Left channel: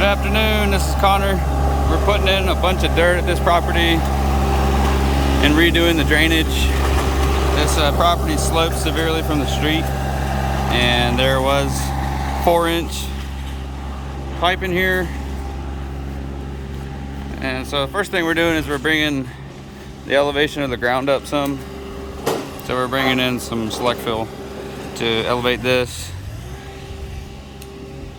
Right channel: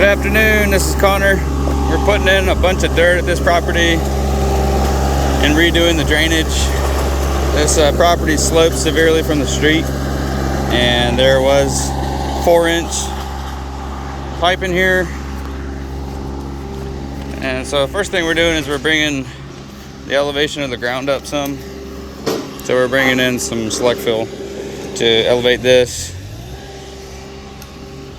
Good afternoon, this is Connor. We're putting in a bunch of dirt at this property and redoing the drainage. This property slopes severely from the street, and there was 4-inch pipe in here. And so first thing we're doing is we're bringing the elevation of the ground up some. So we're bringing in some select fill to elevate this.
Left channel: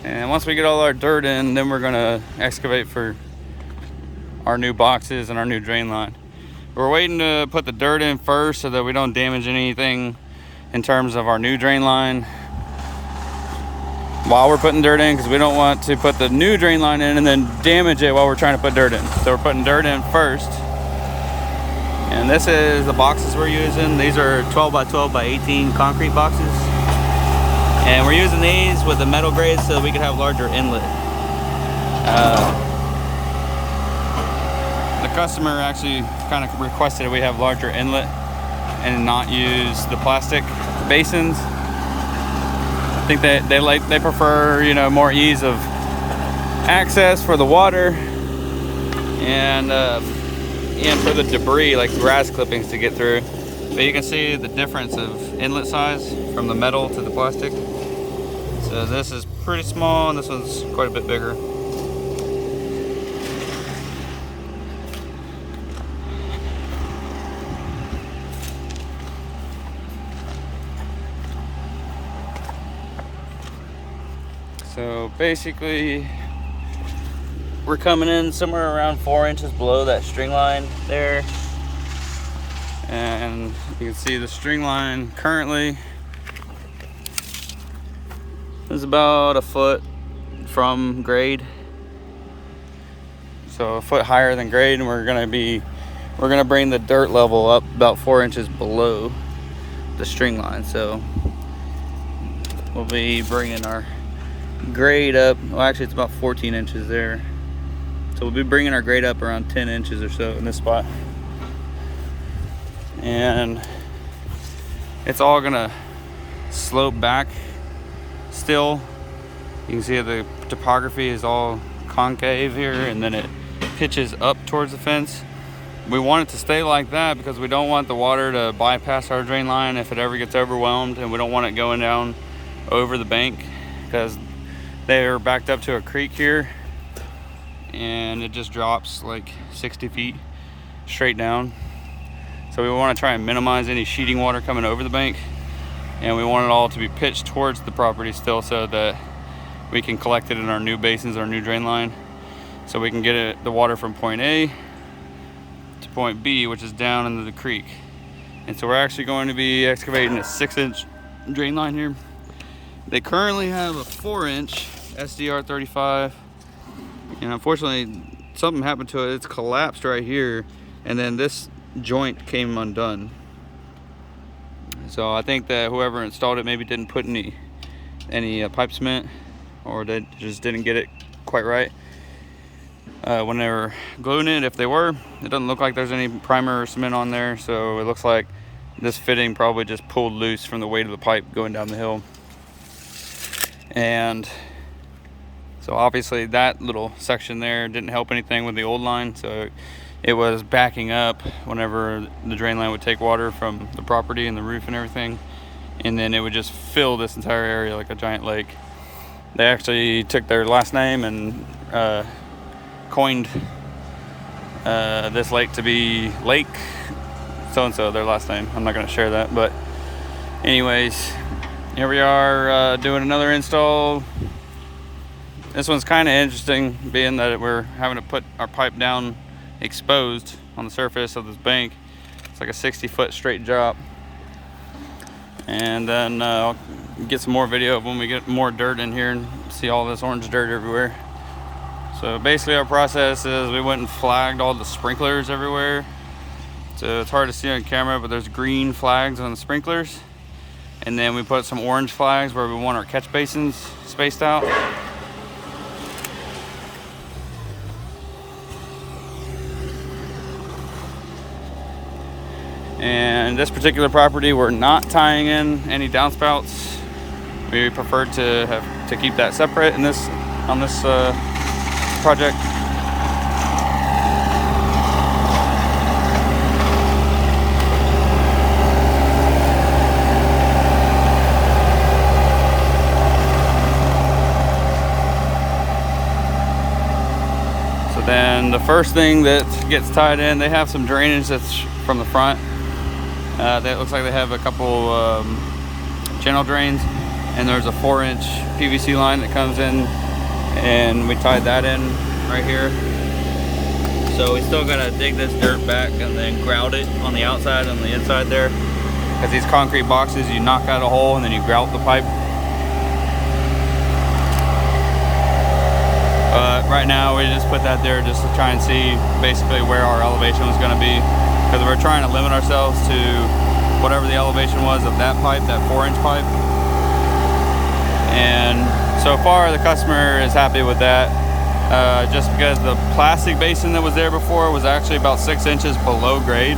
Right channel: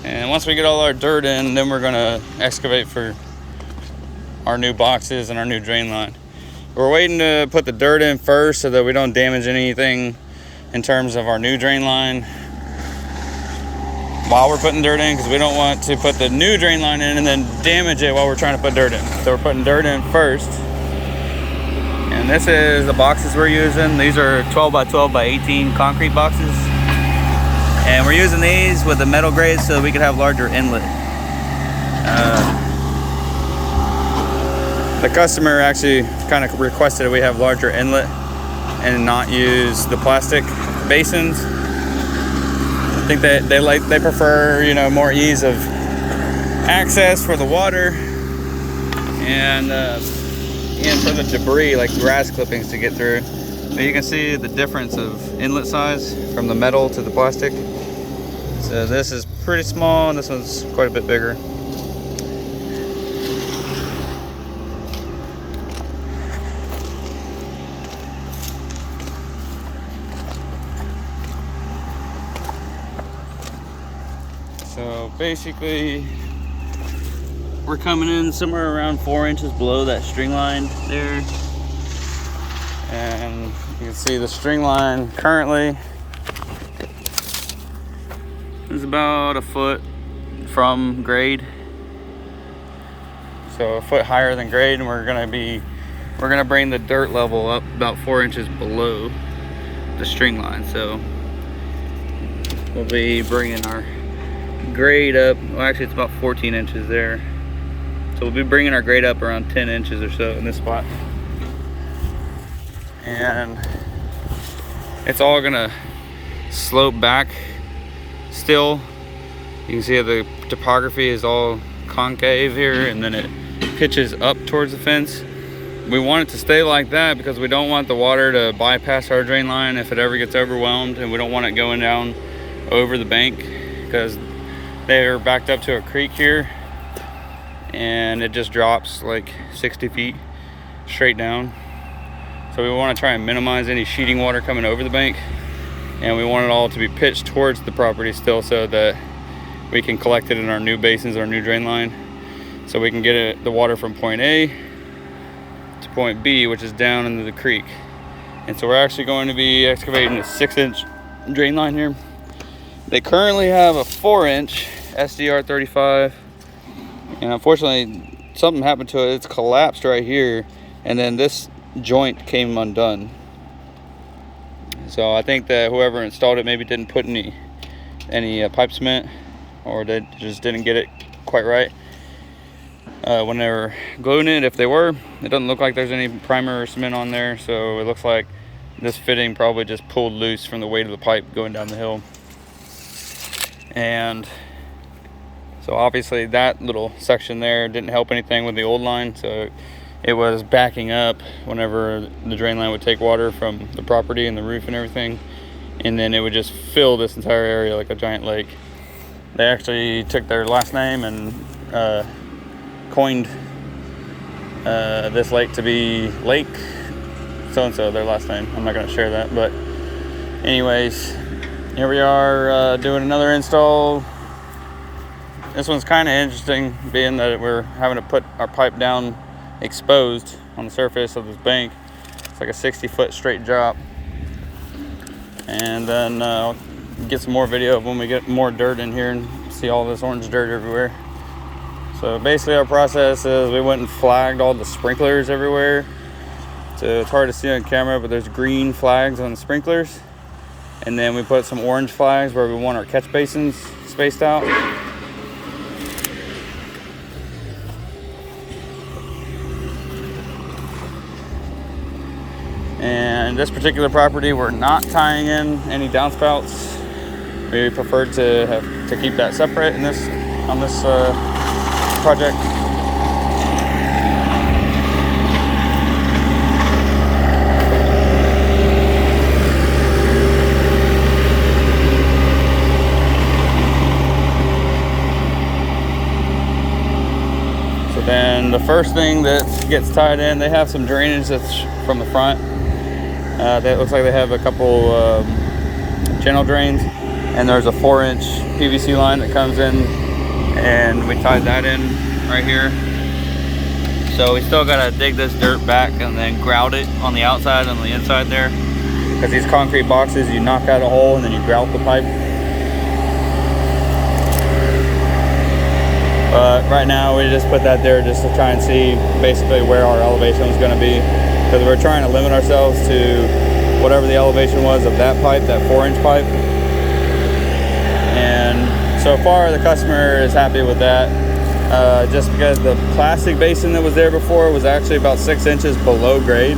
And once we get all our dirt in, then we're gonna excavate for our new boxes and our new drain line. We're waiting to put the dirt in first so that we don't damage anything in terms of our new drain line while we're putting dirt in, because we don't want to put the new drain line in and then damage it while we're trying to put dirt in. So we're putting dirt in first. And this is the boxes we're using. These are 12 by 12 by 18 concrete boxes. And we're using these with the metal grade so that we could have larger inlet. The customer actually kind of requested that we have larger inlet and not use the plastic basins. I think that they prefer, you know, more ease of access for the water and for the debris like grass clippings to get through. But you can see the difference of inlet size from the metal to the plastic. So this is pretty small and this one's quite a bit bigger. So basically we're coming in somewhere around 4 inches below that string line there. And you can see the string line currently is about a foot from grade. So a foot higher than grade, and we're gonna bring the dirt level up about 4 inches below the string line. So we'll be bringing our grade up. Well, actually it's about 14 inches there. So we'll be bringing our grade up around 10 inches or so in this spot. And it's all gonna slope back still. You can see how the topography is all concave here, and then it pitches up towards the fence. We want it to stay like that because we don't want the water to bypass our drain line if it ever gets overwhelmed, and we don't want it going down over the bank because they're backed up to a creek here and it just drops like 60 feet straight down. So we want to try and minimize any sheeting water coming over the bank, and we want it all to be pitched towards the property still so that we can collect it in our new basins, our new drain line, so we can get the water from point A to point B, which is down into the creek. And so we're actually going to be excavating a 6-inch drain line here. They currently have a 4-inch SDR 35, and unfortunately something happened to it. It's collapsed right here, and then this joint came undone. So I think that whoever installed it maybe didn't put any pipe cement, or they just didn't get it quite right when they were gluing it. If they were, it doesn't look like there's any primer or cement on there, so it looks like this fitting probably just pulled loose from the weight of the pipe going down the hill. And so obviously that little section there didn't help anything with the old line, so it was backing up whenever the drain line would take water from the property and the roof and everything, and then it would just fill this entire area like a giant lake. They actually took their last name and coined this lake to be Lake so-and-so, their last name. I'm not going to share that, but anyways, here we are doing another install. This one's kind of interesting, being that we're having to put our pipe down exposed on the surface of this bank. It's like a 60-foot straight drop. And then I'll get some more video of when we get more dirt in here and see all this orange dirt everywhere. So basically our process is we went and flagged all the sprinklers everywhere. So it's hard to see on camera, but there's green flags on the sprinklers. And then we put some orange flags where we want our catch basins spaced out. And this particular property, we're not tying in any downspouts. We preferred to keep that separate in this on this project. So then the first thing that gets tied in, they have some drainage that's from the front. That looks like they have a couple channel drains, and there's a 4-inch PVC line that comes in, and we tied that in right here. So we still gotta dig this dirt back and then grout it on the outside and on the inside there, because these concrete boxes, you knock out a hole and then you grout the pipe. But right now we just put that there just to try and see basically where our elevation was going to be, because we're trying to limit ourselves to whatever the elevation was of that pipe, that 4-inch pipe. And so far the customer is happy with that, just because the plastic basin that was there before was actually about 6 inches below grade.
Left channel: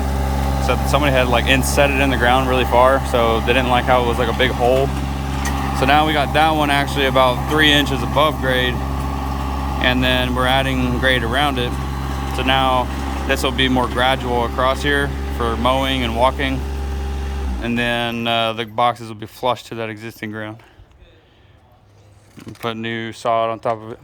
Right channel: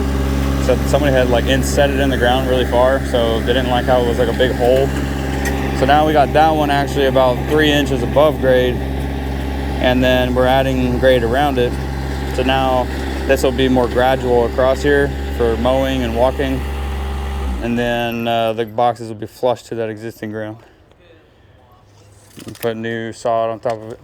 So somebody had like set it in the ground really far, so they didn't like how it was like a big hole. So now we got that one actually about 3 inches above grade, and then we're adding grade around it. So now this will be more gradual across here for mowing and walking, and then the boxes will be flush to that existing ground. And put new sod on top of it.